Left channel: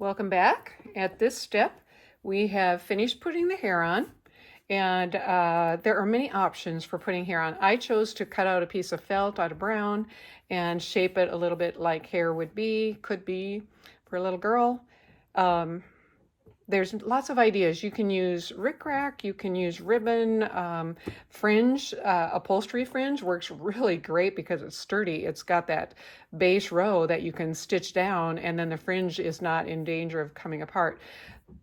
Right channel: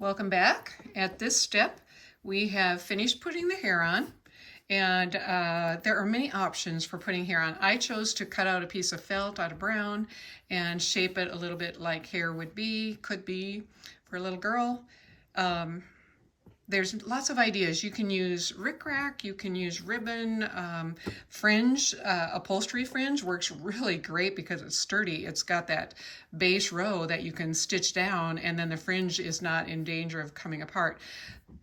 Welcome back. At this step, we have finished putting the hair on, and there are many options for putting hair on. I chose to cut out a piece of felt out of brown and shape it a little bit like hair could be for a little girl. There's lots of ideas. You can use rickrack, you can use ribbon, fringe, upholstery fringe works really great because it's sturdy. It's got that base row that you can stitch down, and then the fringe is not in danger of coming apart.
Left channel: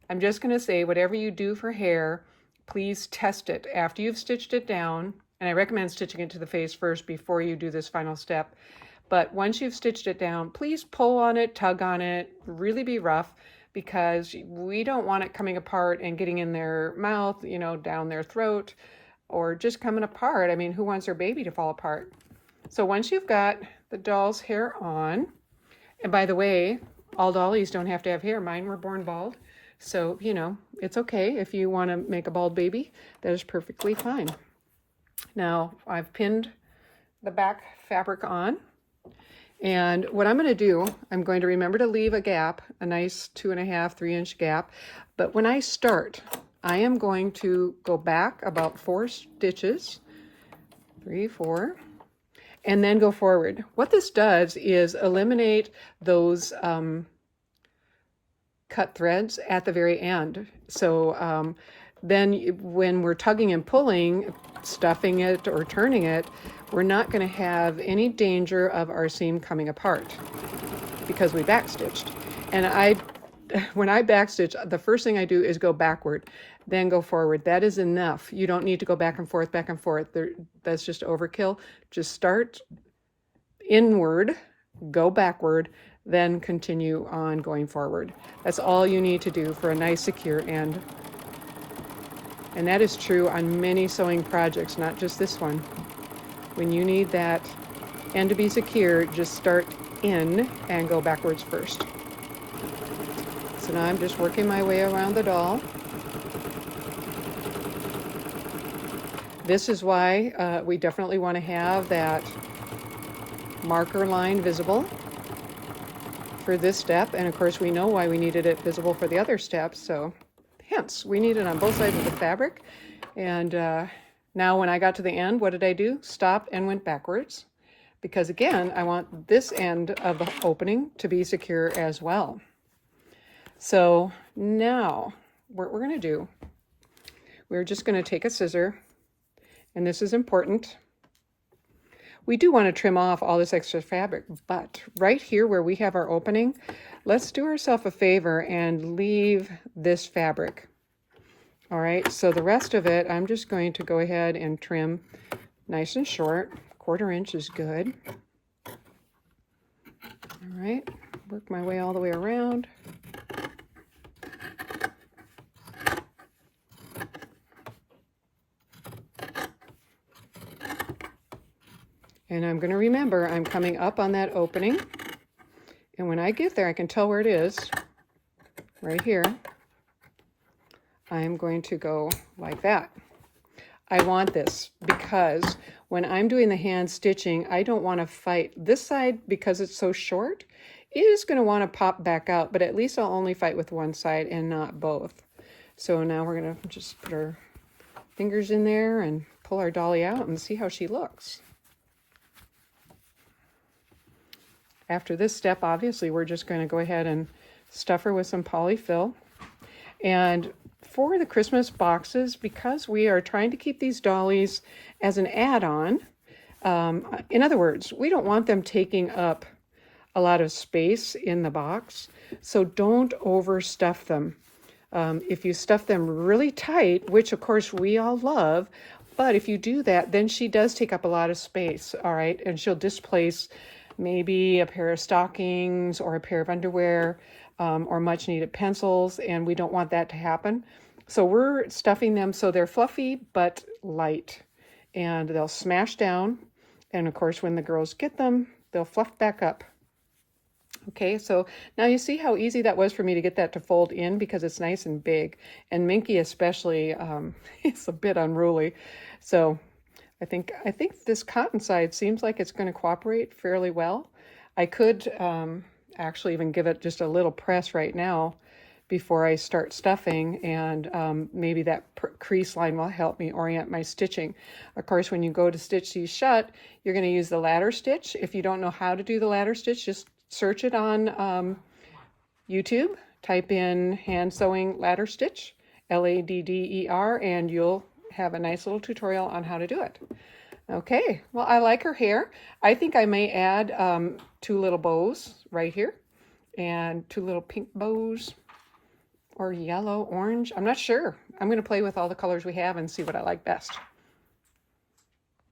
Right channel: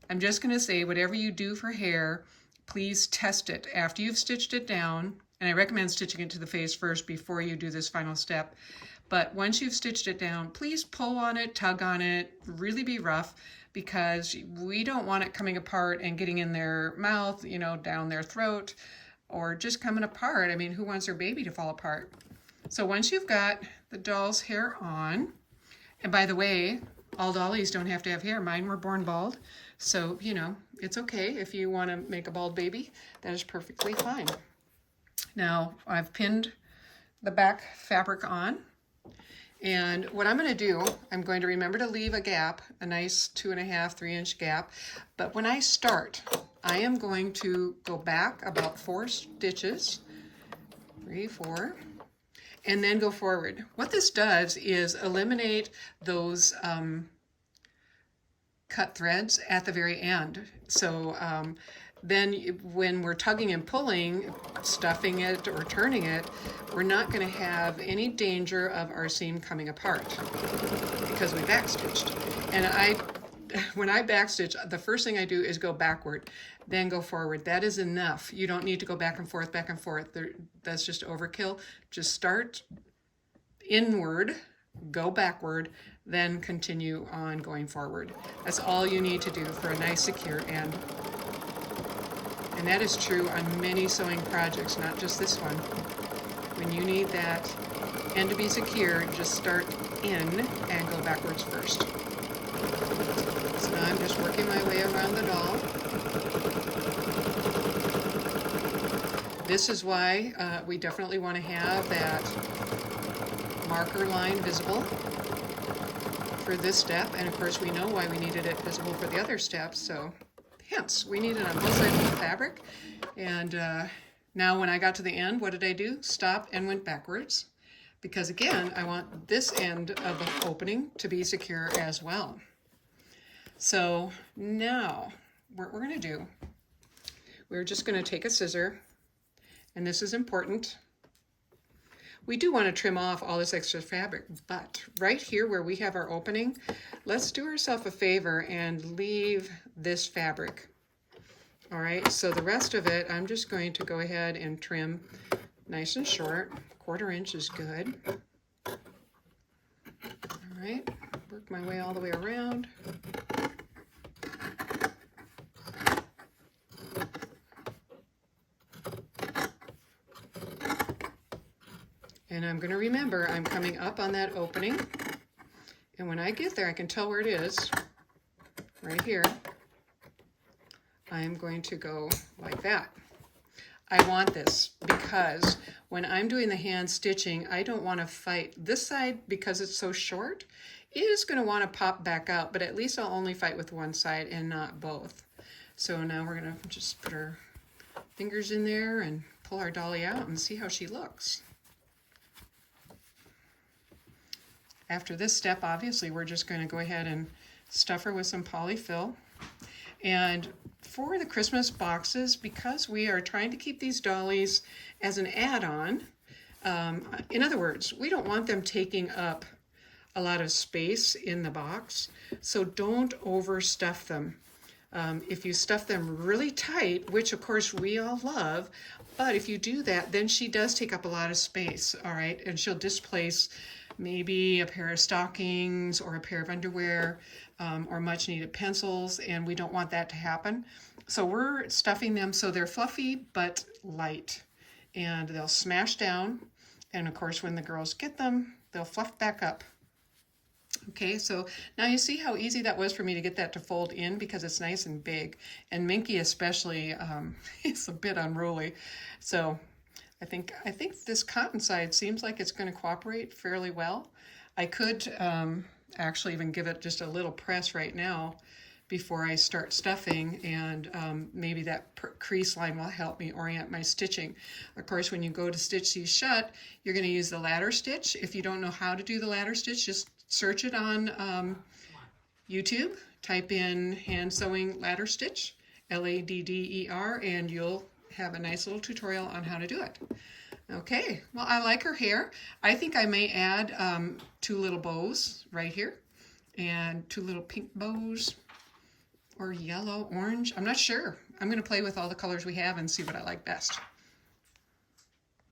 I'm just going to say, whatever you do for hair, please test it after you've stitched it down. And I recommend stitching it to the face first before you do this final step. But once you've stitched it down, please pull on it, tug on it, really be rough, because we don't want it coming apart and getting in their mouth, down their throat, or just coming apart. I mean, who wants their baby to fall apart? So once you've got the doll's hair on, and by the way, all dollies don't have to have hair. Mine were born bald. So, it's okay if you want to make a bald baby. That is perfectly fine. Now, I've pinned the back fabric on. And what I'm going to do, I'm going to remember to leave a gap, a nice 2.5, 3-inch gap. But when I start, I am going to go back about 4 stitches, 3, 4, and then go forward. What this does is eliminate those cut threads at the very end. So then when we're tugging and pulling, stuffing it or turning it, we're not going to have any danger of our seam coming apart because we backstitched. And when I backstitch, the first thing I do is go backward, then go forward. That is enough. You don't need to go back and forth, back and forth. That's just overkill. Just start inward, go backward, then continue on going forward. That's all you need to do for a nice secure end. And that is true on many sewing projects, not just this one. When you need that end to be secure, just start in and go backwards first. So now I'm just working my way around the doll. This is why we definitely want to have that marker line visible for this step. And of course we know why we needed it visible for the other steps, so hence we need it on both sides of the fabric. And now when I got to the end, what did I do? Stop and went backwards, because again, I want this end of the opening to be secure as well. So now what we're going to do, we're just going to take a scissor, and this is important. We do want to trim off all this extra fabric, but right here where we have our opening, let's do ourselves a favor and leave this fabric. All right, so the rest of it, I'm just going to go ahead and trim nice and short. 1/4 inch is good. All right, work my way all the way around. And I'm going to remember I'm coming up on that opening. And when I get there, I can tell where it is, right here. I'm going to go like that. I want this because when I'm doing the hand stitching, I don't want to fight. This side, because it's so short, is going to want to pop back out, but at least I'll only fight with one side and not both. So now we're going to just put our fingers in there and pull our dolly out and see how she looks. After this step, obviously, we're just going to go ahead and stuff her with some polyfil. And for the Christmas boxes, because we are trying to keep these dollies as an add-on, in other words, we don't want them taking up a lot of space in the box, so don't overstuff them. If you stuff them really tight, which of course we all love, but if you do that, then she does take up a lot of space, all right? And she'll displace maybe a pair of stockings or a pair of underwear or much needed pencils, and we don't want that to happen. So we're stuffing them so they're fluffy but light, and they'll smash down, and of course when the girls get them, they'll fluff back up. Okay, so now you see how easy that was for me to get that to fold in because it's nice and big, and Minky especially, it's a bit unruly. So I think this cotton side seems like it's going to cooperate fairly well. I could actually even give it just a little press right now before I start stuffing, and maybe that crease line will help me orient my stitching. Of course, when you go to stitch these shut, you're going to use the ladder stitch. If you don't know how to do the ladder stitch, just search it on YouTube, type in hand sewing ladder stitch, Ladder, and you'll have a nice little tutorial on how to do it. Okay, well, I like her hair. I think I may add 2 little bows right here, and 2 little pink bows, or yellow, orange. I'm not sure. I'm going to play with all the colors we have and see what I like best.